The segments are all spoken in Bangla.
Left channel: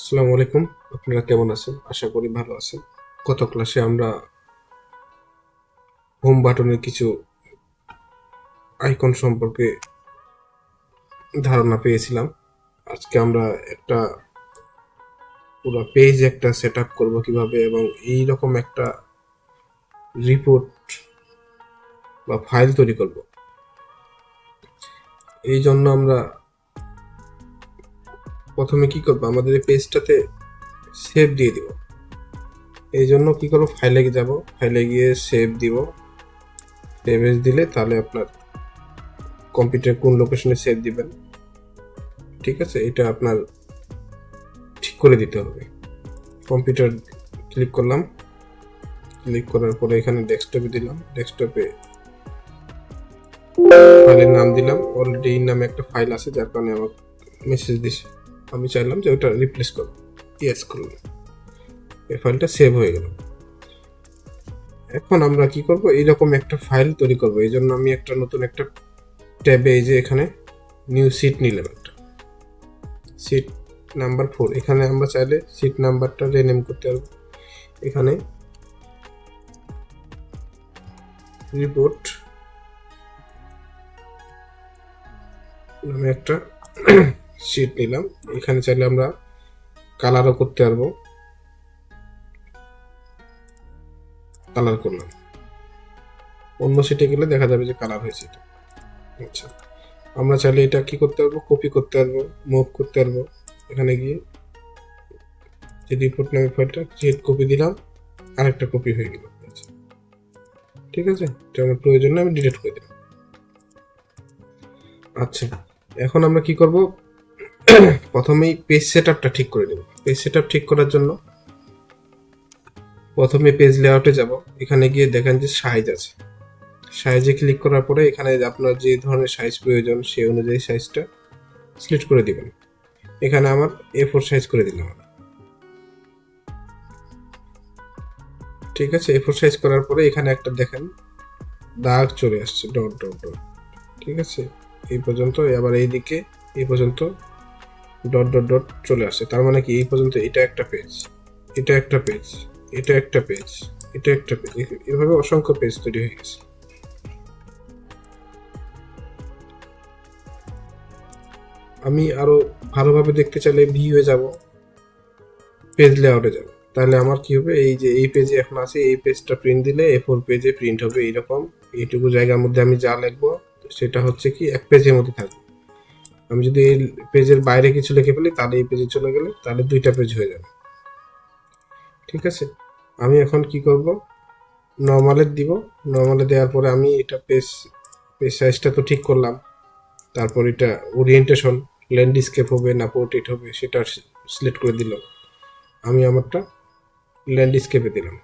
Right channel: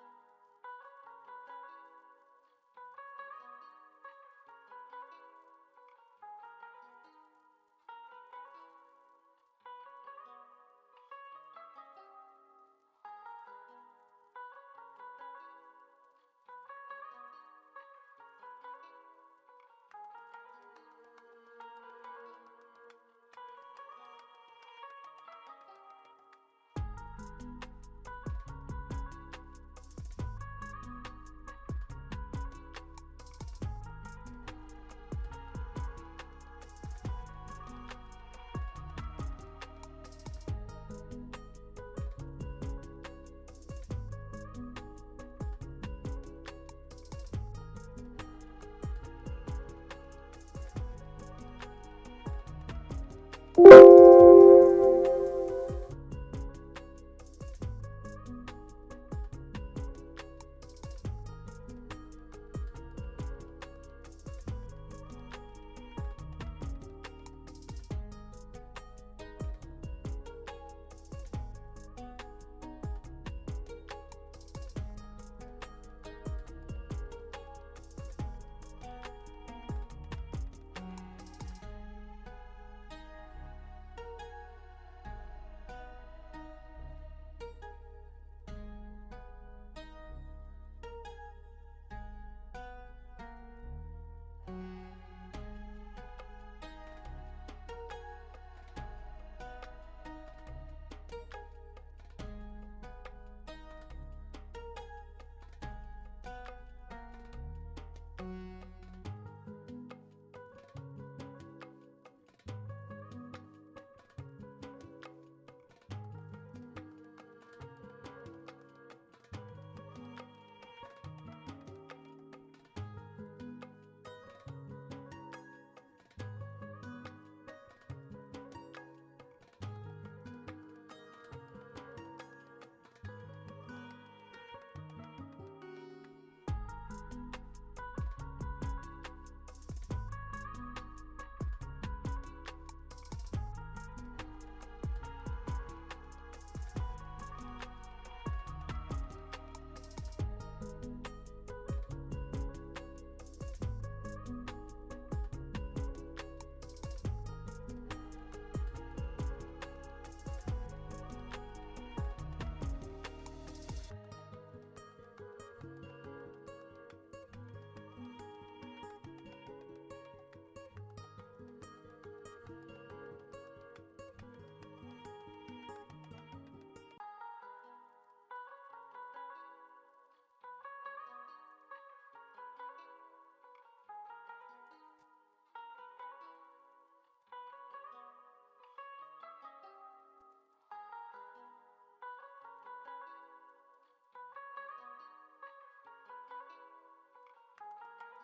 আসসালামু আলাইকুম। আপনারা কেমন আছেন? আশা করি ভালো আছেন। গত ক্লাসে আমরা হোম বাটনের কিছু আইকন সম্পর্কে ধারণা পেয়েছিলাম। আজকে আমরা একটা পুরো পেজ একটা সেট আপ করবো কিভাবে, এবং এই রকম একটা রিপোর্ট বা ফাইল তৈরি করব। এই জন্য আমরা প্রথমে কি করবো, আমাদের এই পেজটাতে সেভ দিয়ে দিব। এই জন্য কি করবো, ফাইলে যাব, ফাইলে গিয়ে সেভ দিব। সেভ এজ দিলে তাহলে আপনার কম্পিউটার কোন লোকেশনে সেভ দিবেন, ঠিক আছে, এটা আপনার ঠিক করে দিতে হবে। কম্পিউটার ক্লিক করলাম, ক্লিক করার পরে এখানে ডেস্কটপে দিলাম, ডেস্কটপে ফাইলের নাম দিলাম। অলরেডি এই নামে একটা ফাইল আছে, যার কারণে আমার মেসেজ দিছে। আমি চাইলাম যে ওটা রিপ্লেস করব, ইয়েস করলাম, এই ফাইলটা সেভ হয়ে গেল। এখন আমরা কি করব, এইরকম একটা ফাইল তৈরি করব। এই জন্য আমি একটা নতুন একটা ট্যাবে, এই যে এখানে নিউ সিট নিলাম, একটা সিট নাম্বার 4। এখানে আমরা চাইলে সিট নাম্বারটা রিনেম করতে পারবো। এখানে রিপোর্ট নামে একটা শিট নিলাম। এখানে চাইলে আমরা কালারও করতে পারবো, কালার করলাম। অন্য শিটে গেলে দেখা যাবে যে কালার হয়েছে এটা। আচ্ছা, আমরা চাইলে এটা কি করতে পারবো, কপি করতে পারবো, মুভ করতে পারবো। এখানে গিয়ে যে রিপোর্ট নামে ফাইলটা ক্রিয়েট কপি দিলাম, আরেকটা কপি হয়ে গেল। আচ্ছা, ঠিক আছে, এটা আমার প্রয়োজন না, আমি ডিলিট করে দিলাম। আচ্ছা, এখন আমরা কি করব, প্রথমেই পেজ সেটআপটা ঠিক করে নেব। পেজ সেটআপ ঠিক করার জন্য প্রথমে পেজ লেআউটে যাব। এখানে গিয়ে দেখেন যে সাইজ আছে, সাইজে ক্লিক করার পরে এখানে আপনার যে ধরনের সাইজ প্রয়োজন সেই অনুযায়ী সাইজটা সিলেক্ট করে দিবেন। এখানে আমার A4 সাইজ করে দিলাম। ঠিক আছে, A4 সাইজ করার পরে এখানে একটা দেখেন দাগ চলে আসছে, ডট ডট ডট। ঠিক আছে, এই পর্যন্ত। আবার এইদিকে এই পর্যন্ত ডট ডট ডট চলে আসছে। তার মানে কি, এই পর্যন্ত এটা একটা পেজ, এটা একটা পেজ, এটা একটা পেজ, এটা একটা পেজ, এভাবে অসংখ্য পেজ তৈরি হয়ে গেছে। আমি আরো ভালোভাবে দেখতে চাইলে ভিউয়ে যাব, পেজ লেআউটে যাব। তাহলে আমার কি হবে, এই যে এই পেজে এখন আছে, এই পেজটা প্রিন্ট দিলে A4 পেজে প্রিন্ট হবে এইরকম। এইটুকু জায়গার মধ্যে আমি যা লিখবো সেটা হচ্ছে কি এক পেজের মধ্যে থাকবে। আমি যদি এই পেজের বাইরে কিছু লিখে ফেলি তাহলে এই পেজে চলে গেলে তাহলে দুইটা পেজ হয়ে যাবে। ঠিক আছে, আমি এখন কি করব, নর্মালে দিব। নর্মালে দেওয়ার পরে আমি এটা পেজ পেজ সাইজটা তো ঠিক করলাম। তারপর এটা ওরিয়েন্টেশন, ল্যান্ডস্কেপ হবে না পোর্ট্রেট হবে সেটা সিলেক্ট করে দিলাম। আমি আমারটা ল্যান্ডস্কেপে দিলাম।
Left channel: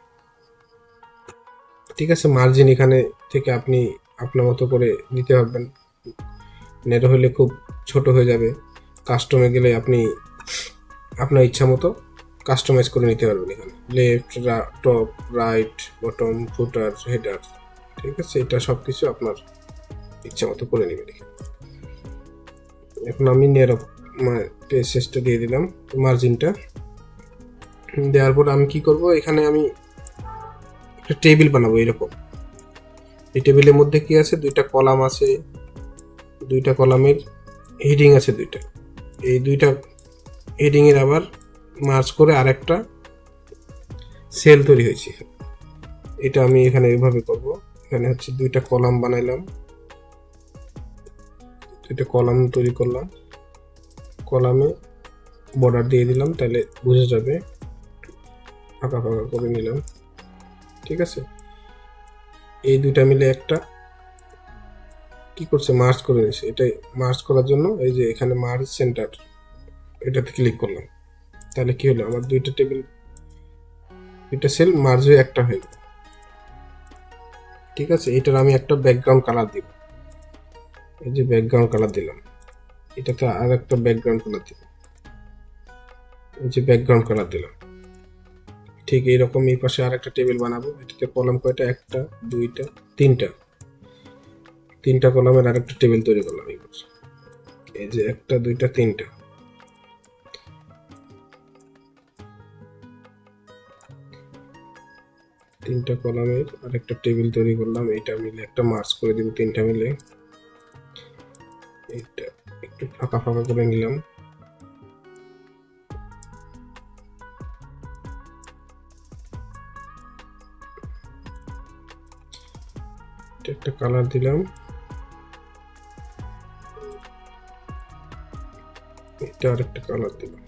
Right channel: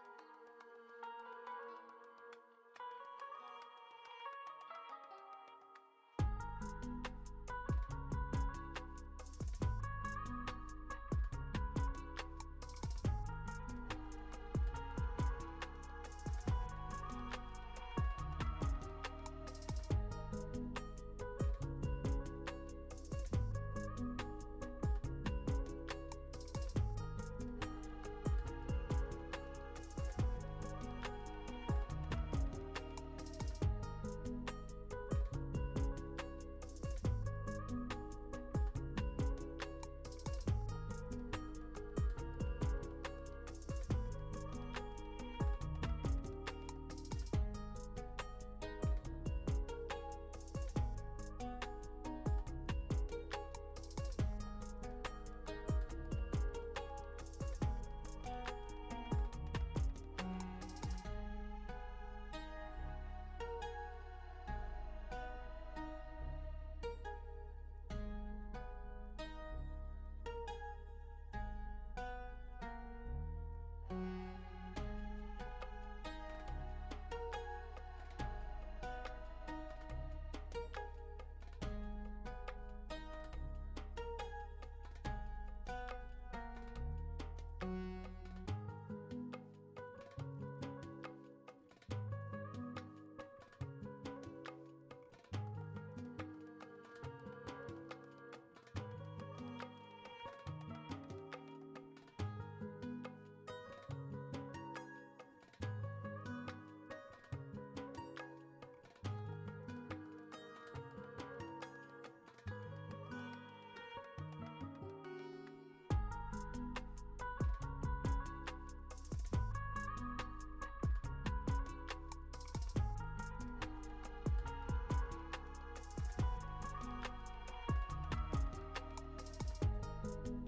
ঠিক আছে, মার্জিন এখানে থেকে আপনি আপনার মতো করে দিতে পারবেন। নেটো হলে খুব ছোট হয়ে যাবে। কাস্টমে গেলে আপনি আপনার ইচ্ছা মতো কাস্টমাইজ করে নিতে পারবেন। এখানে লেফট, টপ, রাইট, বটম, ফুটার, হেডার, ঠিক আছে, এটা সব কিছু আপনার ইচ্ছা মতো করে নেবেন। এখন আমি পেজটা দিয়ে দিলাম, মার্জিনটা দেওয়ার পর আমি কি করব, এখানে আমি একটা টেবিল বানাবো এরকম। এই টেবিলের মধ্যে কি আছে, দুইটা কলাম আছে, দুইটা কলামের হেডিং আছে দুইটা। এই দুইটা হেডিং এর আবার মার্জ করে আরেকটা সেল তৈরি হয়েছে। এটা আমি এখানে এইভাবে করব। এখানে হচ্ছে দুইটা কলাম বানাইলাম, দুইটা কলাম তৈরি করলাম, কলামে বর্ডার দিয়ে দিলাম, তাহলে বুঝে যাবে। ফাঁকা ফাঁকা করে নিলাম। ঠিক আছে, এই দুইটা মিলে একটা কি করছে, মার্জ করে নিয়েছে। এটাই মার্জ করার জন্য এই যে এখানে মার্জ সেন্টার, এটাতে ক্লিক করলাম। তাহলে কি হলো, আমার দুইটা টেবিল, দুইটা সেল মার্জ হয়ে একটা হয়ে গেল। ঠিক আছে, এটার আমি একটা ব্যাকগ্রাউন্ড কালার দিব। এই যে ব্যাকগ্রাউন্ড কালার দিলাম, এটাতে আর একটা ব্যাকগ্রাউন্ড কালার দিব, এই যে ব্যাকগ্রাউন্ড কালার দিলাম। ঠিক এইরকম এই পাশে আর একটা টেবিল বানাবো। এটাতে কলাম কয়টা, একটা, দুইটা, তিনটা, তিনটা কলামের আর একটা টেবিল তৈরি করলাম। এই যে একটা, দুইটা, তিনটা। তিনটা কলামের আরেকটা টেবিল তৈরি করলাম, এটা মিলে একটা মার্জ করে দিব, তিনটা মিলে এটা একটু ফাঁকা ফাঁকা করে নিলাম। একটা কালার দিলাম, এটা আরেকটা কালার দিলাম।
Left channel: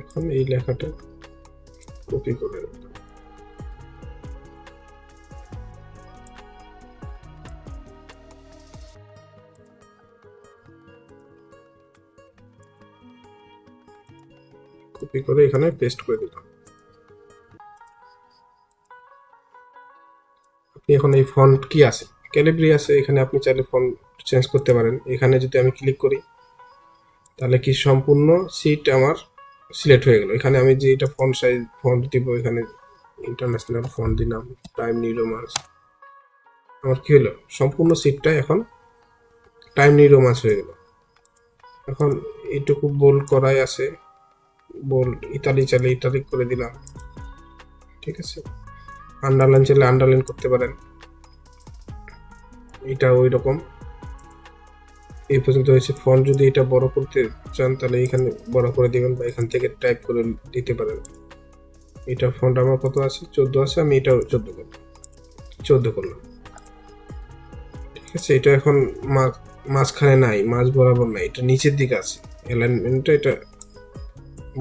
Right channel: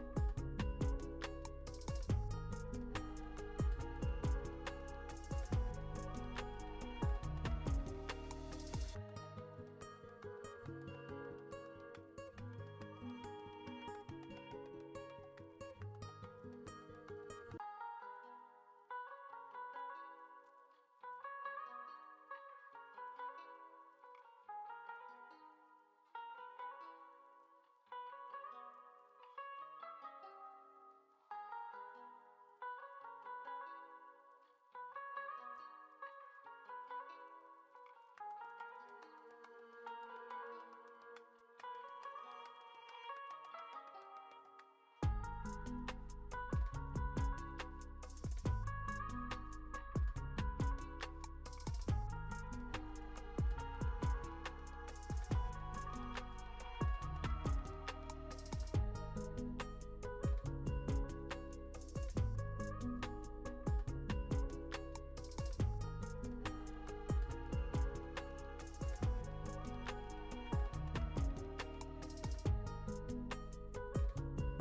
এখন এই লেখাটা কপি করে এখানে পেস্ট করে দিলাম। আপনি এখন এই ফন্ট কি আছে, ক্যালিব্রি আছে, এখানে আপনি চাইলে ফন্ট চেঞ্জ করতে পারেন। এখানে যদি আমি ক্লিক করি তাহলে কি সম্পূর্ণ সিট আমার সিলেক্ট হয়ে গেল। এখানে আমি যে এটা ফন্ট সাইজ ফন্ট দিব, এখানে ইন্টারন্যাশনাল ফন্ট দিলাম, টাইম নিউ রোমান্স, আমার কি হলো সম্পূর্ণ সিটটা এখন টাইম নিউ রোমান্স হয়ে গেল। এখন এইটুকু বোল্ড করাই আছে, বোল্ড ইতালি চাইলে ইতালিক করে দিলাম, ঠিক আছে। আন্ডারলাইন চাইলে আন্ডারলাইন করতে পারেন। এটা ওই রকম এই পর্যন্ত হয়েছে। ফন্ট যদি এটা বড় করতে চান তাহলে এখানে বড় করে দিবেন, বা এখান থেকে টাইপ করে দিতে পারেন। এটা ফন্ট আমার কত আছে, 14 আছে, আমি এটাও 14 করলাম, ঠিক আছে। এটা এখন মাঝখানে নাই, মাঝ বরাবর নাই, এটা নিচের দিকে আছে, অ্যালাইনমেন্টটা এটা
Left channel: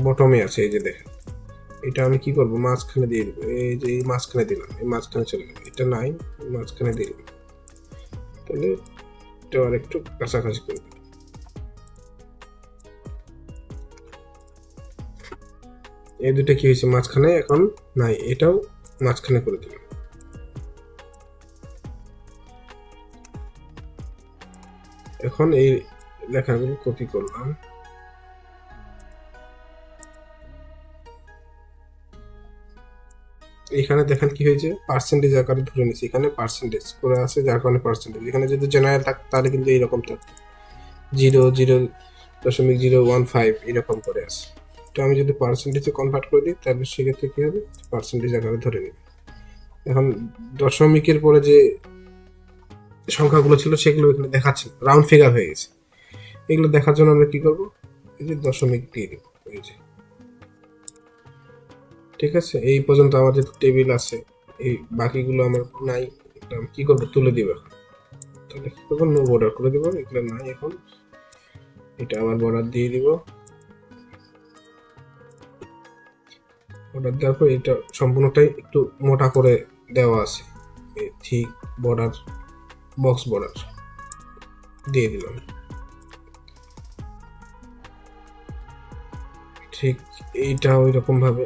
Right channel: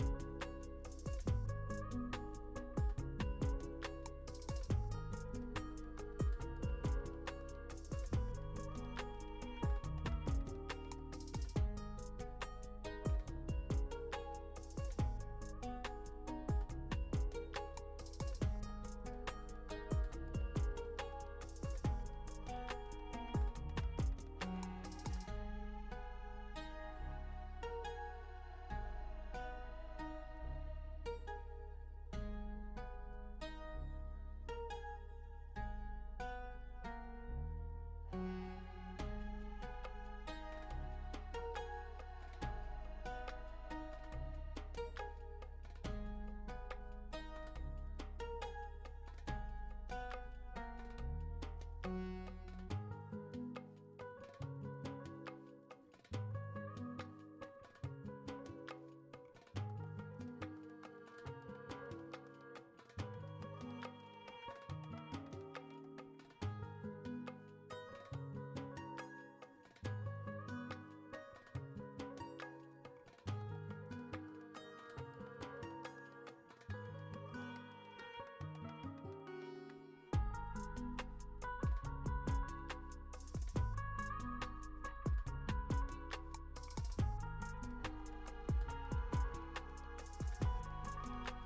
বটমে আছে, এই যে দেখেন। এটা আমি কি করব, মাঝখানে দিয়ে দেবো, এই যে এই মাঝখানে দিলাম, এই মাঝখানে চলে গেল, এটা নাই, মাঝখানে দিয়ে দিলাম, তাহলে এটা আর একটু কাছাকাছি করে দিলাম। এই দুটো কি হয়েছে, মাঝখানে এখন নাই, এটাও মাঝখানে করে দিলাম। এখন এই লেখাগুলো কপি করলাম, এখানে দেখেন কি হয়েছে, পার্সেন্টেজ আকারে ধরে নিচ্ছি, এখানে পার্সেন্টেজ করে আছে, যার কারণে পার্সেন্টেজ। এখানে যদি জেনারেল থাকতো তাহলে কিন্তু এইরকম থাকতো, 0.015 এরকম করে আছে। তো আমি যদি পার্সেন্টেজে কনভার্ট করে দিই তাহলে সেক্ষেত্রে কি হবে, পার্সেন্টেজ আকারে ধরে নেবে। এখন দশমিকের পরে যে সংখ্যাগুলো ছিল সেগুলো এখানে দেখাচ্ছে, রাউন্ড ফিগার হয়ে গেছে। এগুলো দেখার জন্য আমরা কি করব, এই যে দশমিক দিয়ে দেব, এই যে, ঠিক আছে। এই পর্যন্ত আমাদের টেবিল আছে, এই বাকিগুলো আমার নাই, আমি কি করবো, তুলে দিব। তাহলে কি করবো, নো বর্ডার করে দেবো, এগুলো নাই। এখন এটা আবার বর্ডার দিয়ে দিব, বর্ডার দেওয়ার পর এটা সম্পূর্ণটাই একটু মোটা করে দেওয়া আছে, ঠিক বর্ডার, বক্স বর্ডার দিয়ে দিলাম। ঠিক এইটা ওই রকম ভাবে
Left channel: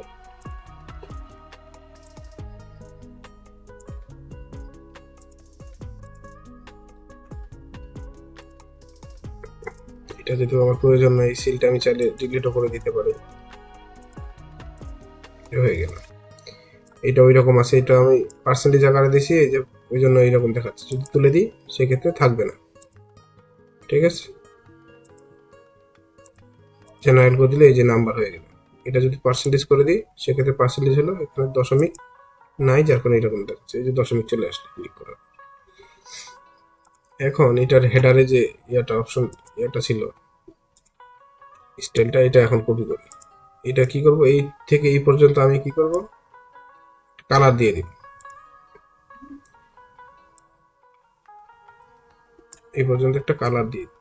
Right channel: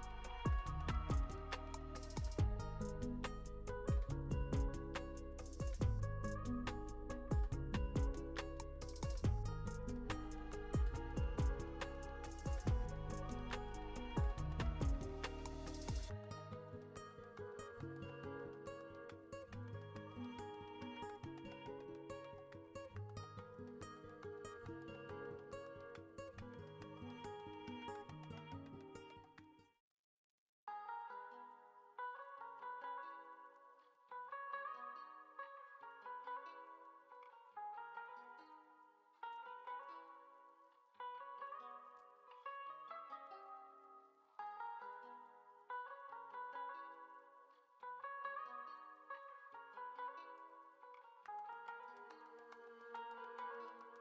এটা যদি আমার প্রয়োজন নাই, এই সিলটা আমি চাইলে ডিলিটও করে দিতে পারি, হয়ে গেল। এটা ওই রকম আছে, এটা আমি পার্সেন্টেজ আকারে দিছি, এই যে ওই জন্য এইরকম দেখাচ্ছে। যদি তুলে দিই সেক্ষেত্রে থাকবে না, ঠিক আছে। জেনারেল করে দিলে এই যে নাম্বার হয়ে গেল। এটা যদি পার্সেন্টেজ করে দিই সেক্ষেত্রে পার্সেন্টেজ হলো, এখানে দশমিক নাই, যার কারণে এরকম দেখাচ্ছে, এই যে দশমিক চলে আসলে ক্লিক করা। এখন এটার হেডারে যে অপশন ছিল স্টাইলটা, এটা এখন কপি করি। এটা কি করব, এই থেকে এই পর্যন্ত আমি কি করব, কালার দিয়ে দিব। এই পর্যন্ত একটা কালার দিয়ে দিব।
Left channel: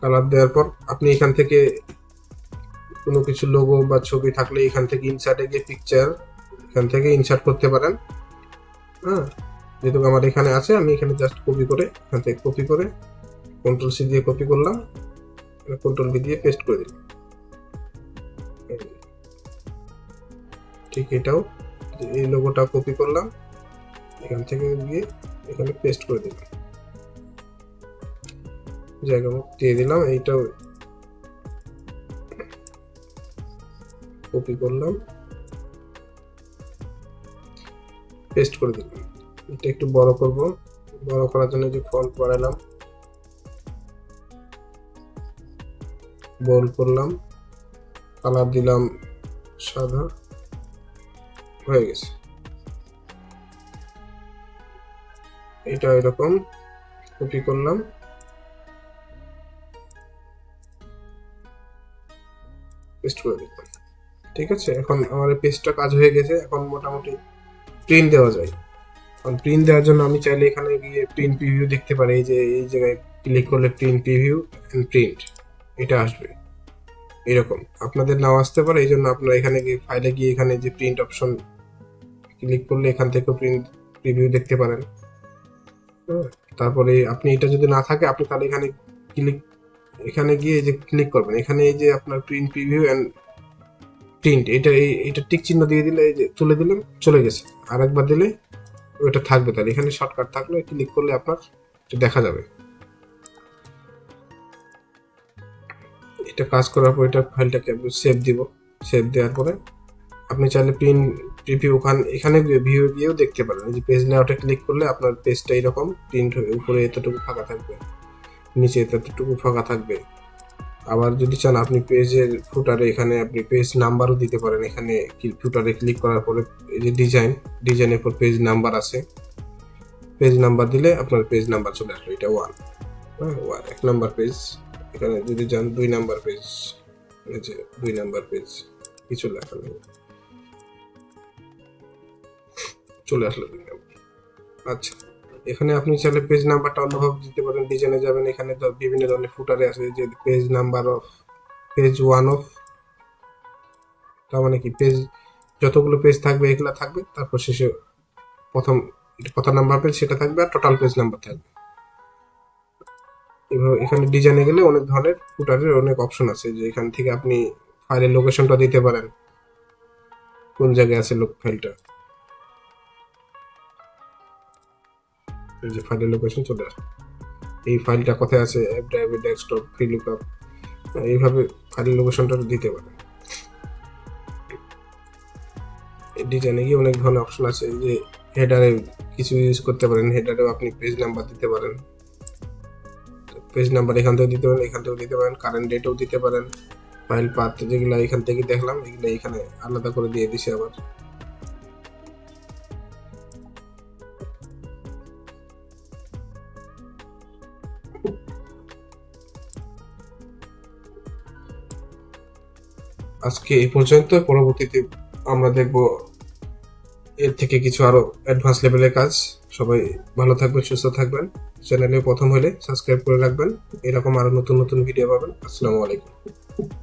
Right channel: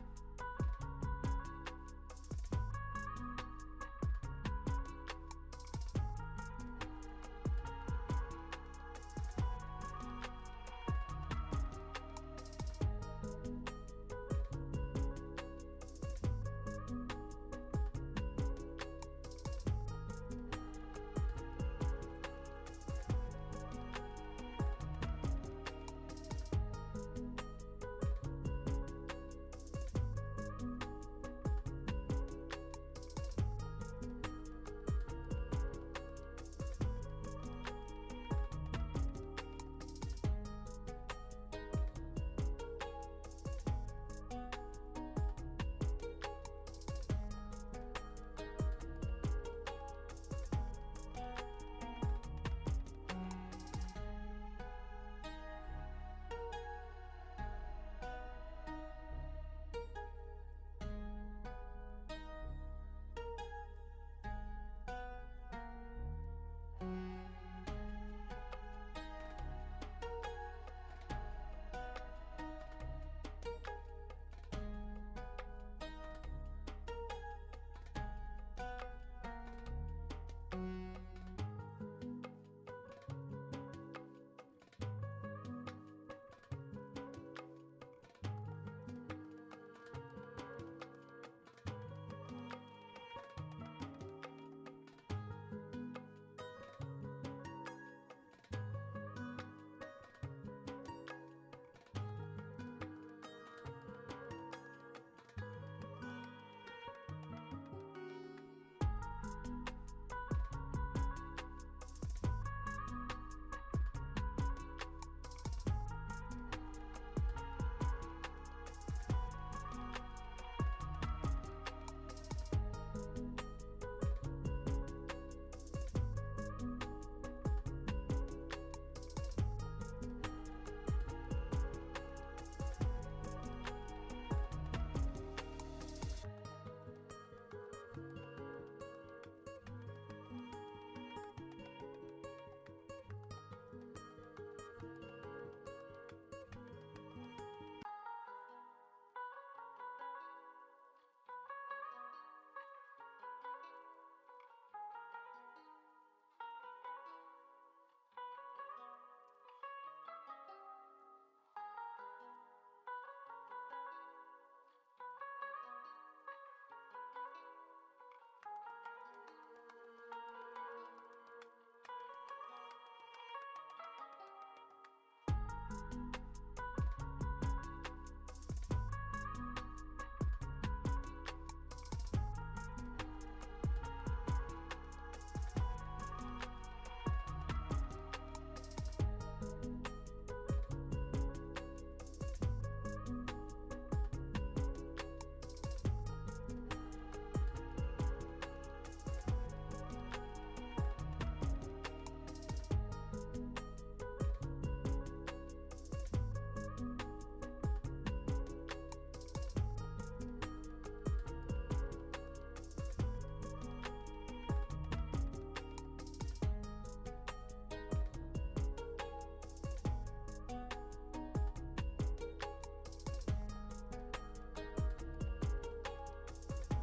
কালার দেওয়ার পর আপনি এখান থেকে কোনো কিছু লোগো বা ছবি থাকলে এখান থেকে ইনসার্টে গিয়ে পিকচার এখান থেকে ইনসার্ট করতে পারেন। হ্যাঁ, যেহেতু আমার এখানে আছে, আমি এখানে জাস্ট কপি করে এখান থেকে কপি করে কন্ট্রোল সি দিয়ে কপি করলাম, কন্ট্রোল ভি দিয়ে পেস্ট করে দিলাম। ঠিক এটাও, এই লোগোটা কপি করলাম, এখান থেকে গিয়ে এখানে পেস্ট করে দিলাম, জায়গা দিয়ে দিলাম। এইটাও কপি করলাম, পেস্ট করে দিলাম। এটা একটু বড় করব, বড় করার জন্য যে ফন্ট বাড়ালাম, বোল্ড করলাম, কালার দিলাম সাদা, হয়ে গেছে। এটা এরকম কপি করলাম, পেস্ট করে দিলাম। ঠিক আছে, এখন আমার পেজটা কাজ হয়ে গেছে। এখন মোটামুটি প্রিন্ট দেওয়া যায়। এখন প্রিন্ট দেওয়ার জন্য আমি চাইলে এখানে গিয়ে প্রিন্ট প্রিভিউ দেখতে পারি। এই যে এই জায়গায় ক্লিক করলে প্রিন্ট প্রিভিউ এন্ড প্রিন্ট এটা আসবে এরকম। আপনাদের নাও আসতে পারে, এই জন্য আপনারা এখানে গিয়ে ফাইলে গিয়ে এখানে যে প্রিন্ট অপশন ক্লিক করলে এখান থেকে প্রিন্ট প্রিভিউ দেখতে পারেন। তারপরে আপনি এটা যদি না থাকে আপনি তাহলে এখানে গিয়ে এই যে ক্লিক করবেন, এখানে এই যে আপনার প্রিন্ট প্রিভিউ এন্ড প্রিন্ট এটা টিক চিহ্ন দিয়ে দিলে এই যে তুলে দিলেন, চলে গেছে। আর একবার দিলে ওটা থাকবে। তাহলে এখানে শর্টকাট থাকলে ক্লিক করলে আপনার দেখা যাবে। এটা কাজ করার পর এটা ফাইলটাকে সেভ দিব। সেভ দেওয়ার পরে আপনি চাইলে প্রিন্ট প্রিভিউ এখানে ভিউ গিয়েও দেখতে পারেন। এই যে পেজ লেআউটে ক্লিক করলে আপনার পেজটা এরকম প্রিন্ট হয়ে উপরে এতটুকু ফাঁকা থাকবে, নিচে এতটুকু ফাঁকা থাকবে। আবার যদি চান আপনি পেজের ফুটারে এখানে আপনি পেজ নাম্বারও দিতে পারেন। এখানে ফুটারে ক্লিক করার পরে এই যে ডিজাইনের পর পেজ নাম্বার আছে, পেজ নাম্বার দিলে আপনার পেজ নাম্বার চলে আসবে। এটা 1, হ্যাঁ 1 নাম্বার পেজ। এখানে যদি যান 2 নাম্বার পেজ, এই যে 2 নাম্বার পেজ, কিছু লেখা নেই, চলে আসলো 2 নাম্বার। আচ্ছা, এখানে আপনি চাইলে পেজ নাম্বারটা অন্যভাবে দিতে পারেন। ডিজাইনে যাবেন, এখানে তো বিভিন্ন ধরনের ফুটারে আছে, যে page number of page 1 of, তার মানে কি পেজ যতগুলো পেজ থাকবে এগুলা থাকবে, তারপর শেষে প্রথম কত নাম্বার পেজ সেটা থাকবে, আর টোটাল পেজ নাম্বার থাকবে। এভাবে এখানে ডিজাইনে গেলে অনেক ধরনের ফুটারের অনেক অপশন আছে, যে এখান থেকে আপনি ফাইলের লোকেশনটা দিতে পারেন, কোন জায়গায় আছে ফাইলটা। এই যে ফাইলের লোকেশন চলে আসে, এই ফাইলটা কোথায় আছে, app drive, desktop, free lookup, এইভাবে ফাইলের লোকেশনটা দিতে পারেন। ডিজাইনে গিয়ে অনেক ধরনের অপশন আছে। এই যে হেডারে কিছু ইউজ করতে পারেন, হেডারেও আপনি পেজ নাম্বার দিতে পারেন। পেজ নাম্বার এখান থেকে দিতে পারেন, এখান থেকেও দিতে পারেন, কারেন্ট ডেটও দিতে পারেন। ফাইল পাথ যেগুলো এখান থেকে দেখলাম এগুলো এখানে আলাদা করে দিয়ে দিছে আবার। আজকে এই পর্যন্ত। পরবর্তীতে আমরা দেখব এর থেকে কিছু আরো অ্যাডভান্স লেভেলের কাজ। সবাই ভালো থাকবেন, সুস্থ থাকবেন। চ্যানেলে প্রথম হলে সাবস্ক্রাইব করে রাখবেন, এরকম আরো নতুন নতুন ভিডিও পাবেন। আসসালামু আলাইকুম।